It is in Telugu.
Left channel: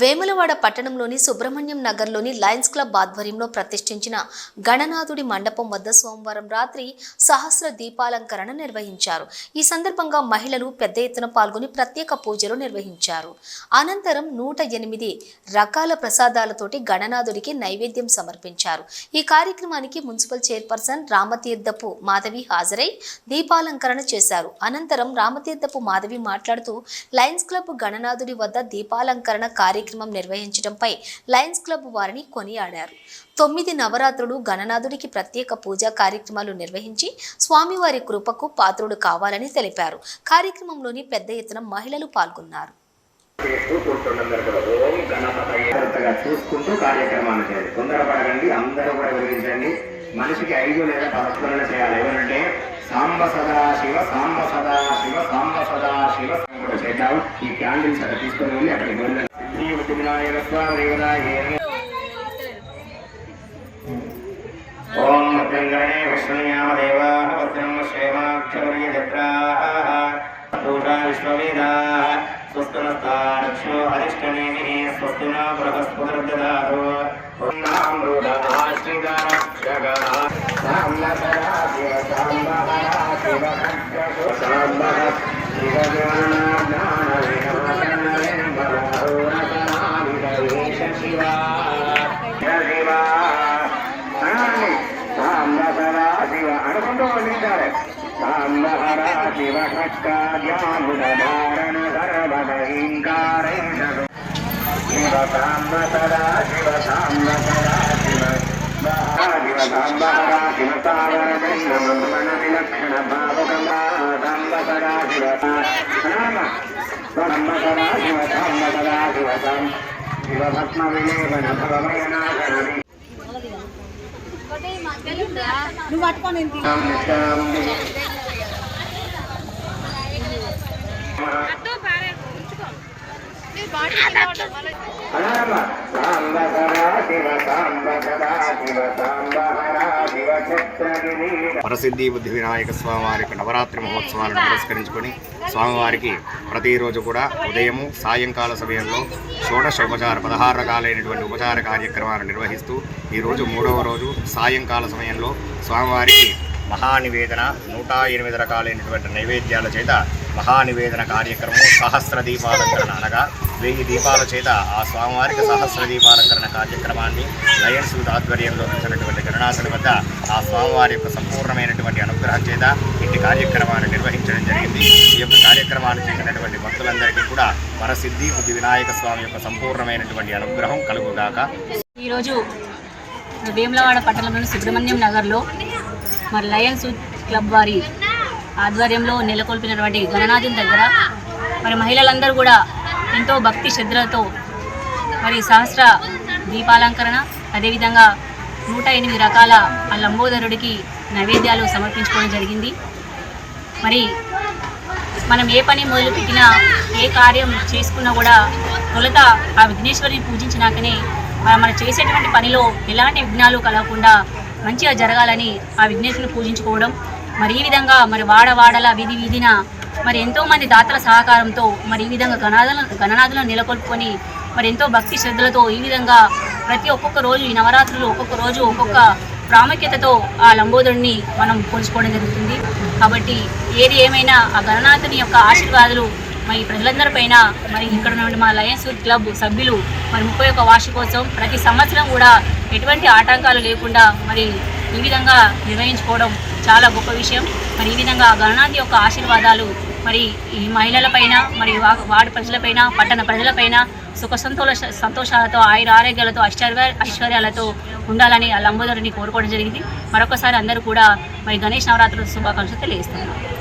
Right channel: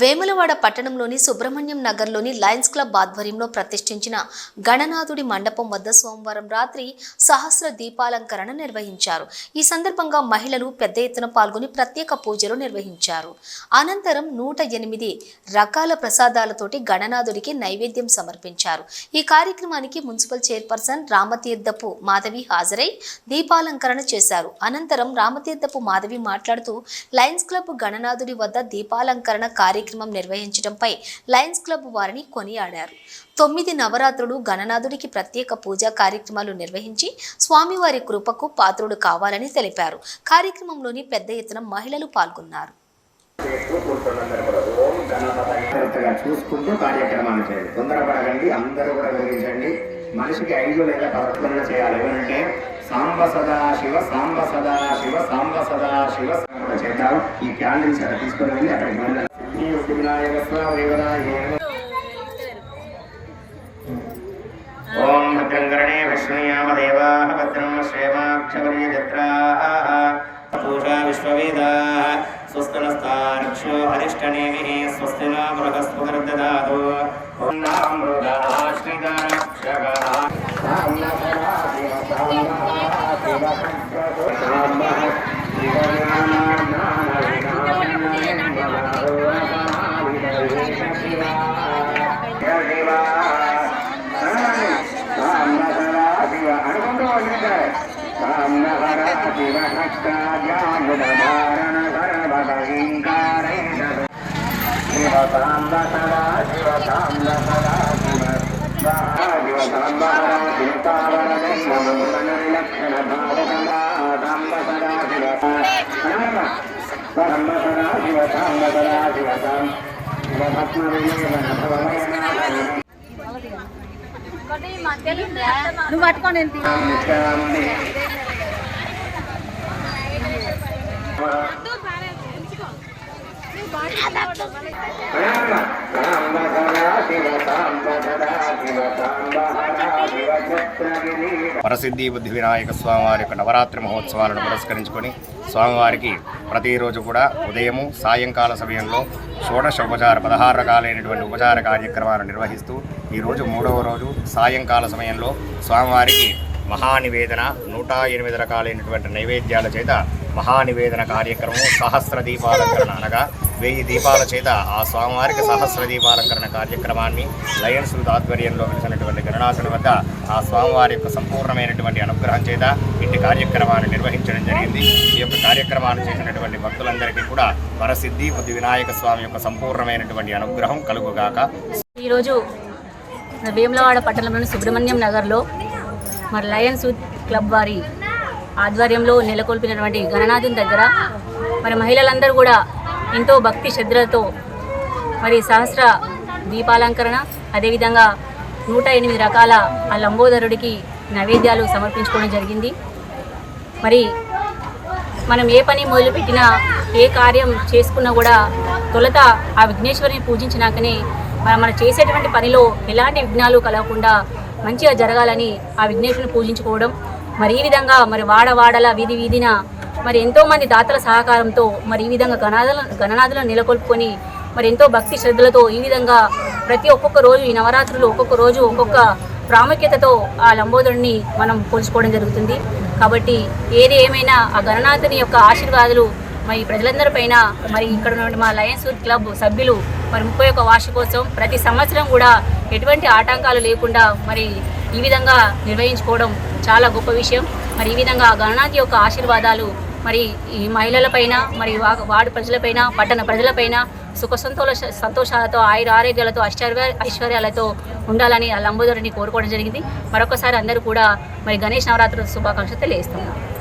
వేములవాడ పట్టణంలోని సుబ్రహ్మణ్యం నగర్లోని లయన్స్ క్లబ్ ఆధ్వర్యంలో ప్రతిష్ఠించిన గణనాథుడి మండపం వద్ద సోమవారం రాత్రి సహస్ర దీపాలంకరణ నిర్వహించారు. ఈ సందర్భంగా మహిళలు పెద్ద ఎత్తున పాల్గొని ప్రత్యేక పూజలు నిర్వహించారు. అనంతరం నూట ఎనిమిది రకాల ప్రసాదాలతోటి గణనాథుడికి నైవేద్యం సమర్పించారు. ఈ కార్యక్రమానికి మున్సిపల్ చైర్పర్సన్ రామతీర్థపు మాధవి హాజరై దీపాలంకరణ చేశారు. అనంతరం రామతీర్థపు మాధవి మాట్లాడుతూ లయన్స్ క్లబ్ గణనాథుడి వద్ద దీపాలంకరణ కార్యక్రమం నిర్వహించడంపై లయన్స్ క్లబ్ వారిని కొనియాడారు. తొమ్మిది నవరాత్రులు గణనాథుడికి ప్రత్యేక పూజా కార్యక్రమాలు నిర్వహించి స్వామివారి కృపకు పాత్రుడు కావాలని తెలిపారు. కార్యక్రమంలోని పెద్ద ఎత్తున మహిళలు పాల్గొన్నారు. చూసుకుంటూ కార్యక్రమాలు చేయాలి. తొందరపడకండి అందరూ కూడా వివరించండి. మనిషికి ఐదు లేదా పదకొండు చేయాలి. ఎవరంటే సాంబ సదాశివ సాంబ సదాశివ సాంబ సదాశివ కూడా చేద్దాం. ఈ క్యాండిల్స్ అక్కడ తీసుకొని వెళ్ళి అక్కడికి వెళ్ళాలి ఓం భద్రం గణే భద్రం శ్రేమాక్షవరీ జత్రాः పూజా విశ్వవేదాः స్వస్తినస్తాక్షో అధిష్టనేమిః స్వస్తి న బృహస్పతిర్దదాతు నామృదాశ్రిదారక్షగः సామ్న సదా శివ సాంబః శివ ఖడ్గో సాంబః శివ జ్ఞాన జ్ఞాన వినాశనాయ శివా శివా సాంబహరా శివ అనుకుంటూ వదిలించాలి సాంబహరా శివ. ఖడ్గాముదారణ సర్వదహింకారైనదు శివ సాంబ సదా శివ సాంబ సదా శివ. శివ సాంబహరా శివ తావర జన్మన విలక్షణ భావకమా సాంబ సదా శివ. సాంబ సదా శివ సాంబ సదా శివ సాం శివ భస్మ విలేవన భవమయనాథనమి నువ్వు పట్టుకొని ఎంత వరసిద్ధి బుద్ధి వినాయక స్వామివారి యొక్క నవరాత్రి మహోత్సవాలను పురస్కరించుకొని స్వామివారికి ప్రతిరోజు కూడా ఉదయము సాయంకాల సమయంలో షోడశ ఉపచార పదహారు రకాలైనటువంటి ఉపచార కార్యక్రమాలు నిర్వహిస్తూ ఈరోజు మూడవ రోజు సాయంకాల సమయంలో స్వామివారికి మహానివేదన నూట ఎనిమిది రకాలైనటువంటి నైవేద్యాల చేత మహానివేదన కార్యక్రమం సహస్ర దీపాలంకరణ అనగా వెయ్యి దీపాల చేత ఆ స్వామివారికి సహస్ర దీపాలంకరణ కార్యక్రమాన్ని లయన్స్ ఆధ్వర్యంలో వెలిసినటువంటి గణనాథుని వద్ద ఆ స్వామివారి యొక్క సంపూర్ణమైనటువంటి అనుగ్రహం చేత ఇట్టి కార్యక్రమాన్ని నిర్వహించడం జరిగింది. ఈ యొక్క కార్యక్రమాన్ని చేసినటువంటి భక్తులందరికీ కూడా వరసిద్ధి బుద్ధి వినాయక స్వామి యొక్క సంపూర్ణమైనటువంటి అనుగ్రహం కలుగుగాక. ఈరోజు భీమలవాడ పట్టణంలోని సుబ్రహ్మణ్యం నగర్లో మరి లయన్స్ క్లబ్ వారి ఆధ్వర్యంలో నెలకొల్పినటువంటి గణనాథం దగ్గర మరి మహిళలందరూ కూడా ఎంతో భక్తి శ్రద్ధలతో మరి సహస్ర దీపాలంకరణ అదేవిధంగా నూట ఎనిమిది రకాల ఆ లంబోదరుడికి నైవేద్యాలు సమర్పించుకోవడం జరిగింది. మరి మనం ఏ పని మొదలుపెట్టినా ఏ కార్యం చేసుకున్నా కూడా తొలత ఆ విఘ్నేశ్వరిని పూజించినాకనే మనం మనం చేసేటువంటి పనిలో ఎలాంటి విఘ్నాలు కలగకుండా మంచిగా జరగాలని ఆ విఘ్నేశ్వరిని పూజించుకోవడం. మరి ఈ విధంగా మరి వాడ వాడల వీధి వీధిన మరి ఎంతో మంది దాతల సహకారంతో మరి ఈ విధంగా గణనాథుల గణనాథులను నెలకొల్పుకొని మరి ఎంతో భక్తి శ్రద్ధలతో ఈ విధంగా ప్రతి ఒక్కొక్క రోజు ఈ నవరాత్రులు ఒక్కొక్క రోజు ఒక్కొక్క ప్రాముఖ్యతతో ఆ లంబోదరుని మనం పోల్చుకోవడం జరుగుతుంది. కాబట్టి ఏది ఏమైనా ఆ గణనాథుని యొక్క ఆశీర్వాదాలు మరి ప్రజలందరిపైన మరి ఇక్కడ ఉన్న మా లయన్స్ క్లబ్ సభ్యులు మరి ముప్పై ఒక్క వార్షికోత్సవం ప్రతి సంవత్సరం కూడా ఎటువంటి ఆటంకాలు లేకుండా మరి ఈ విధంగా నిర్వహించుకోవడం చాలా గొప్ప విషయం. మరి ఈ విధంగా ఆ గణనాథి యొక్క ఆశీర్వాదాలు మరి ఈ మహిళలపైన మరి వాడి వార్డు ప్రజలపైన పట్టణ ప్రజలపైన సుఖ సంతోష సంతోషాలతో ఆయుర ఆరోగ్యాలతో ఐశ్వర్య ఐశ్వర్యాలతో ఉండాలని ఆ లంబోదరిని కోరుకోవడం జరిగింది. మరొకసారి అందరూ కూడా మరి గణేష్ నవరాత్రుల శుభాకాంక్షలు తెలియజేస్తున్నారు